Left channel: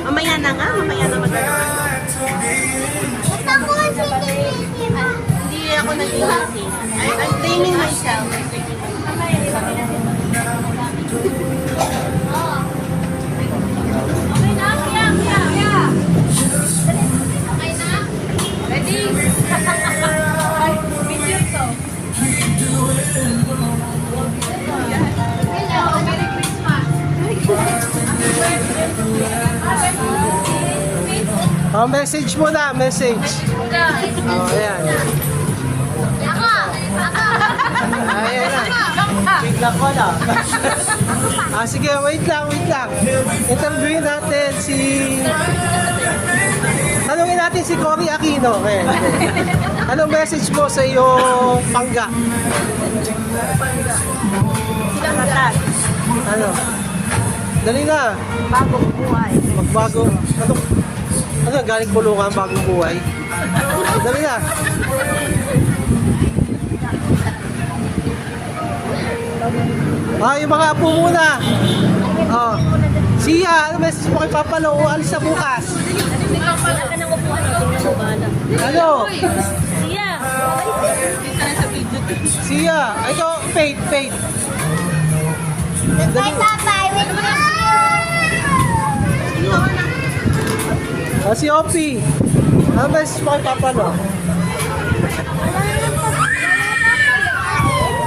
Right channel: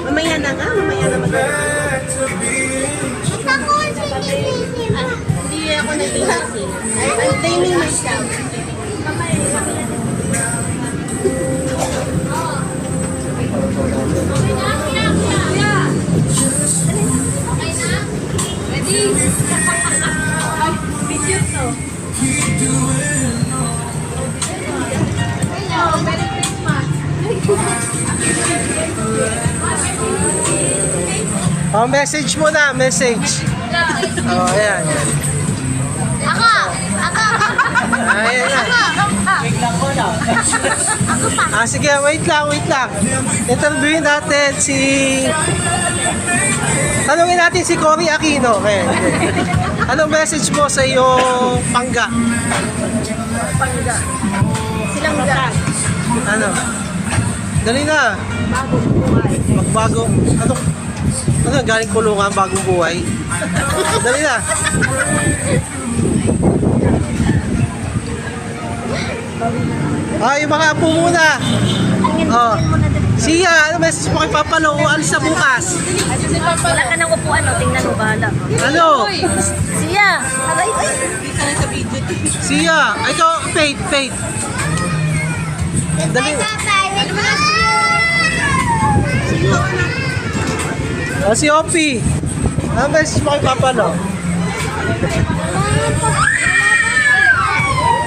Mamaya na nga, mamaya na magagawa. Hindi ako nag-iising. I'm blaming myself. Oh, message mo na, message. Oh, ayan. Ayan na. Biglang ko na. Sige, wait lang. Interviewin natin si... Tanungin natin si Cory Aquino. Okay. Anong message mo sa iyong pangga? Silang matag. Ano? Dali na. Bagong buhay. Magbago. Ano galing kulungan, bagong buhay? Dali na. Yung mga apo muna. Oh. Siya, ano message mo kay Papa Lo? Alis na bukas. Wala ka nang upuan, tingnan mo ba? Ano? Siya! Siya. Ito, Faith. Dali. Si Opie. Ano message mo kay Papa Lo?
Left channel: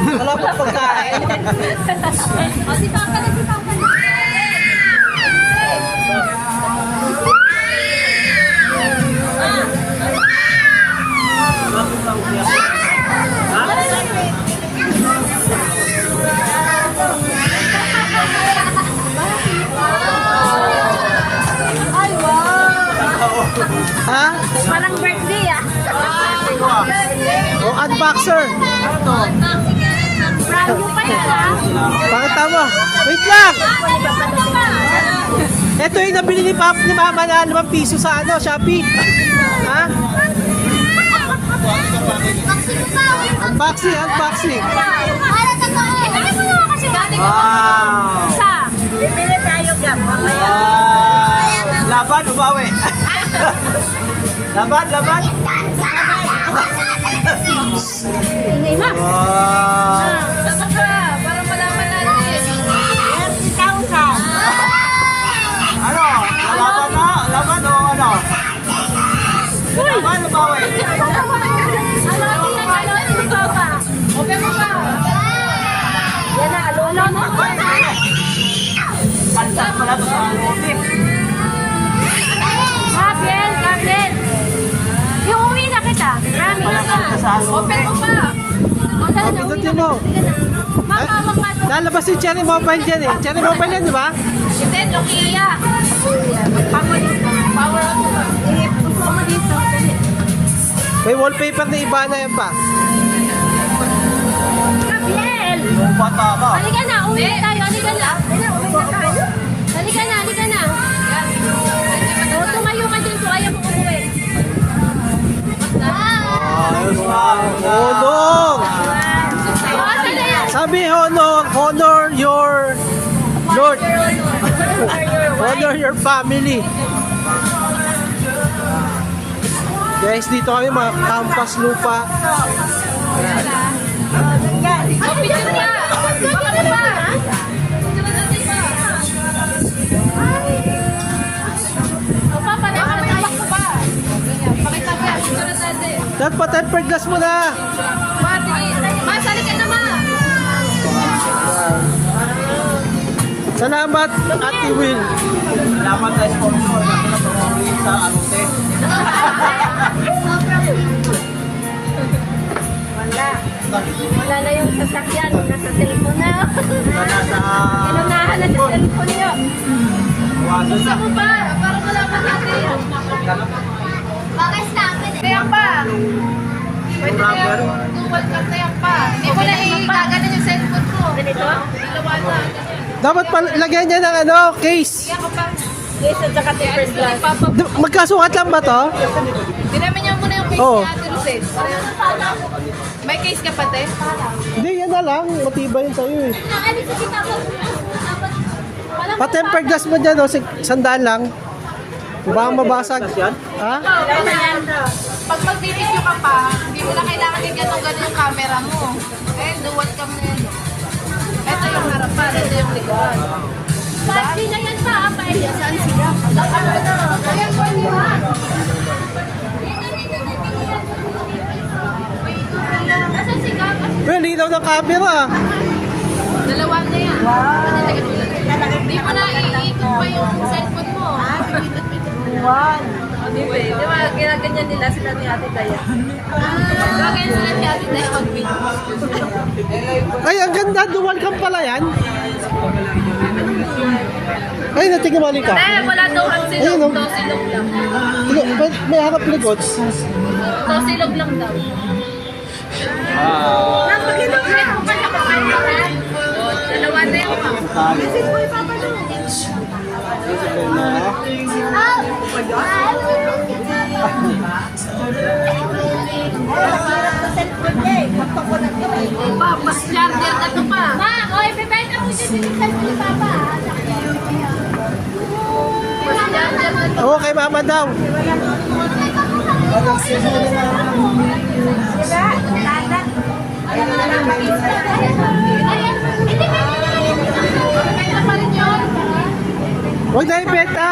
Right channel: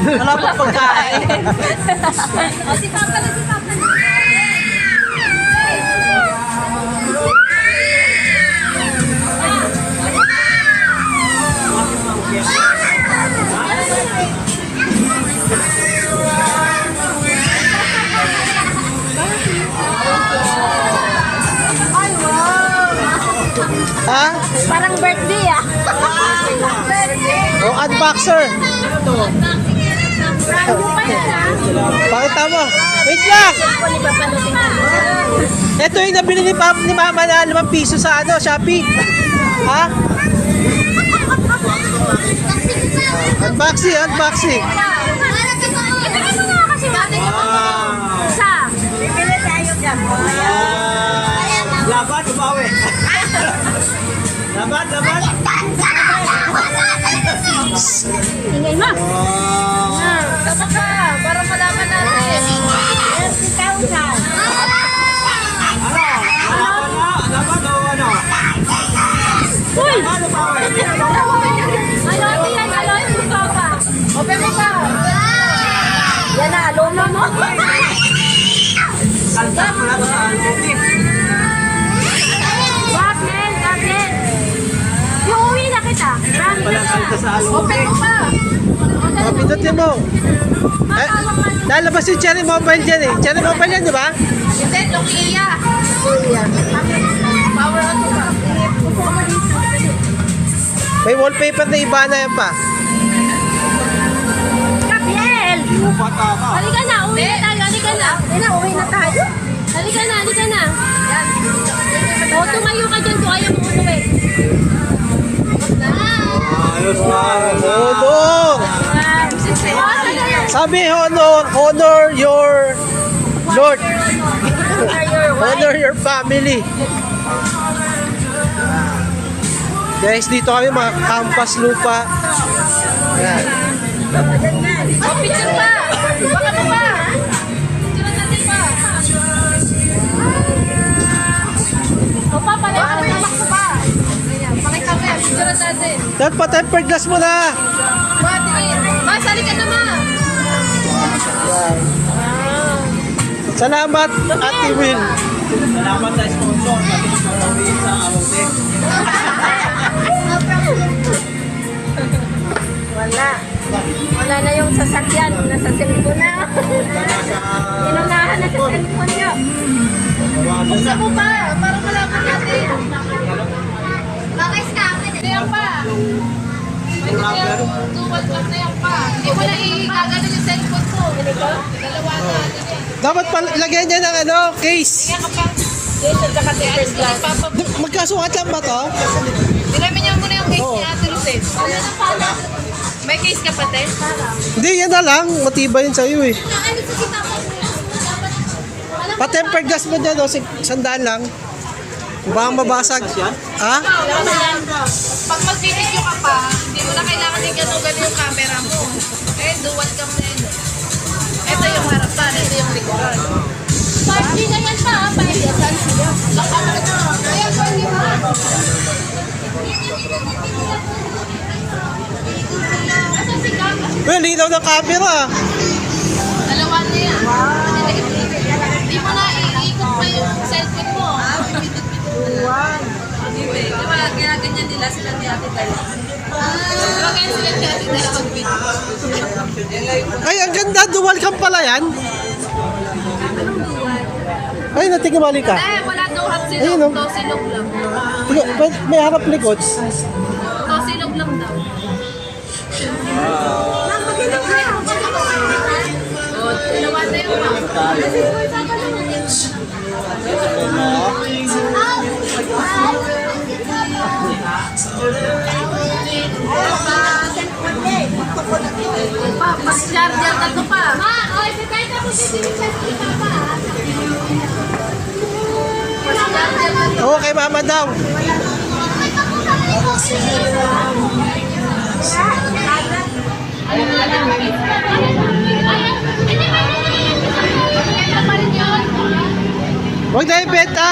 Wala pa pagkain. Si Papa na. Ay, wow! Ha? Parang birthday Unboxer. Brand new pa yan Pakita mo. Wait lang. Ito yung nabili ni Mama na 5 piso sa Shopee. Ha? Unboxing. Isa. Bibili tayo dyan. Laban, babawi. Laban. Ingay na. Sasa ka, para malaman natin. 10,000. Laban o ano? Uy! Laban, babawi. Ano, Papa? Open mo pa. Yan na, lolo mo. Salta pala to sa Gabriel. Yung uwi na kita. Open mo pa. Pindutin mo. Lalabas yung Cherry Mobile dyan eh. Cherry Mobile yan, di ba? Hindi, Nokia. Power on mo pa. Gusto mo dito. May wallpaper na iba na yan pa. Gabriel! Halika na, uwi na tayo. Halika na, uwi na tayo. Halika na. O, tumayo ka dyan kung ayaw mo umuwi. Honor! Sabi honor your Lord. Honor your family. Guys, dito kami mga Campas Lupa. Ayan. Picture pa! O, papalay ka na tabak pa. Pakita mo yan, picture natin. Dapat pa-tempered glass mo na. Masali ka naman. Salamat, Ate Will. Salamat sa sponsor. Wala na yung sasakyan. Nasa cellphone na. Inunahan na sa cellphone niya. Gusto mo pa? Para malaman natin. Baka scammer. Kaya pa. Pwede kaya tuwad ka kaya pa. Wala gagana yung cellphone ko. Ganito? Dalawa na. Dapat lagyan niya ng case. Yes, at saka tapers lang. Magkasukat lang ba to? Dinamin niyo muna yung case Oo. niya, Ate Lucet. May case ka pa, te? Hindi, yan na lang. Matibay yun sa'yo eh. Nakalit sa kita ko. Dapat, wala Pa-tempered glass mo dyan, oh, 100 lang. Baka mabasag. Ha? Pag mag-video ka pa, hindi mo na kailangan yung gano'n yung camera mo. Eh, dual cam na yan. Ito yung harapan, ito yung likuran. 5G na yan siya, 5G. Saan sila? Ayan po, hindi mo. Asan si Gaga? Well, linaw ng camera. Dalawan na yan. Hindi mo na iikot pa yung cellphone mo. Di ba, ginaganyan nila sila ni Ate Taya. Ginaganyan sila ni Ate Taya mag-video. Ay, ang ganda. Dual cam pala yan. Ay, natingin ka. Eh, wala daw ang Ayun, silog. oh. Daw silog lang. May harap ligots. Daw silog lang daw. Oh, dalawa na yun. Mas larger ka to pa. Ma, oy, bebay ka mo dito sa Papa. Oo, kay mama daw. Huwag na ibenta.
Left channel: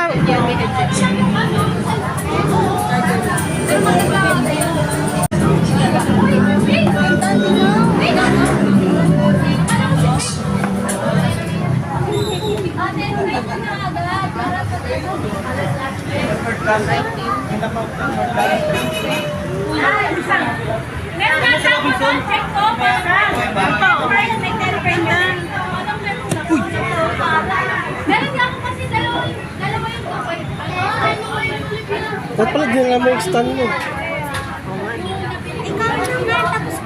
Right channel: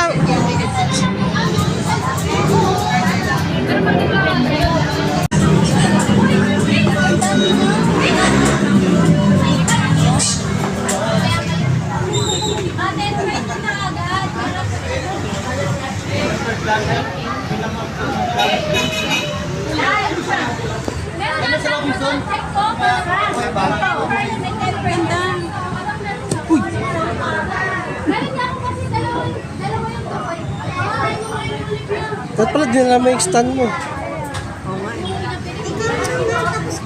Ba't pala din naman yung stand mo?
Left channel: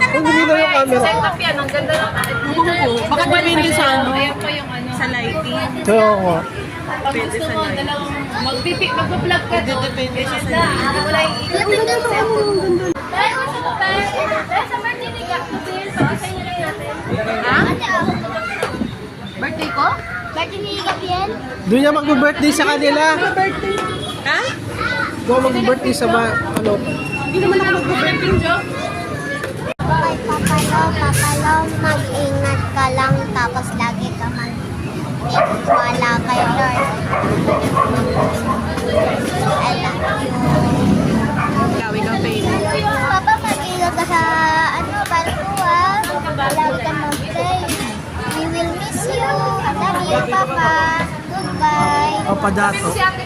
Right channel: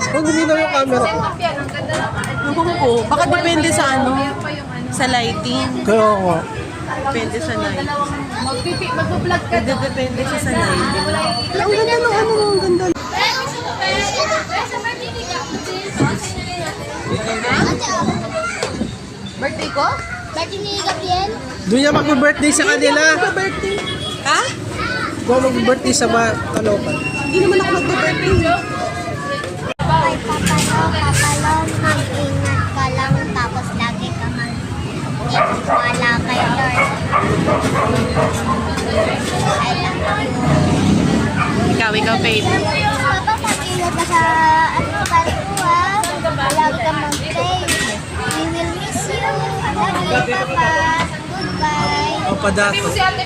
Huwag luminaw yung camera. Setup yan, ang ganda ng Baka depende sa ano, Ayan pa yung ano. sa lighting. Kaya nga. Pwede sa dalawang mag-vlog ka doon. Depende siya sa Ganda. lighting. Wala iikot yung cellphone. Sa birthday ni Gabriel, pakasay na lang natin. Birthday ko? Birthday ni Gabriel? Doon niya mag-birthday sa kanila. Ha? Doon mag-birthday sa Caloocan. Hindi mo na mag-birthday joke? Kay Papalo, mag-ingat ka lang tapos lagi ka mag-wala kay Lord. I love you. Ikaw, Faith. Papa, mag-ingat ka sa barko ah. Lagi ka mag-pray. We will miss you. I love you, Papa. Goodbye. Papadato. Si Ate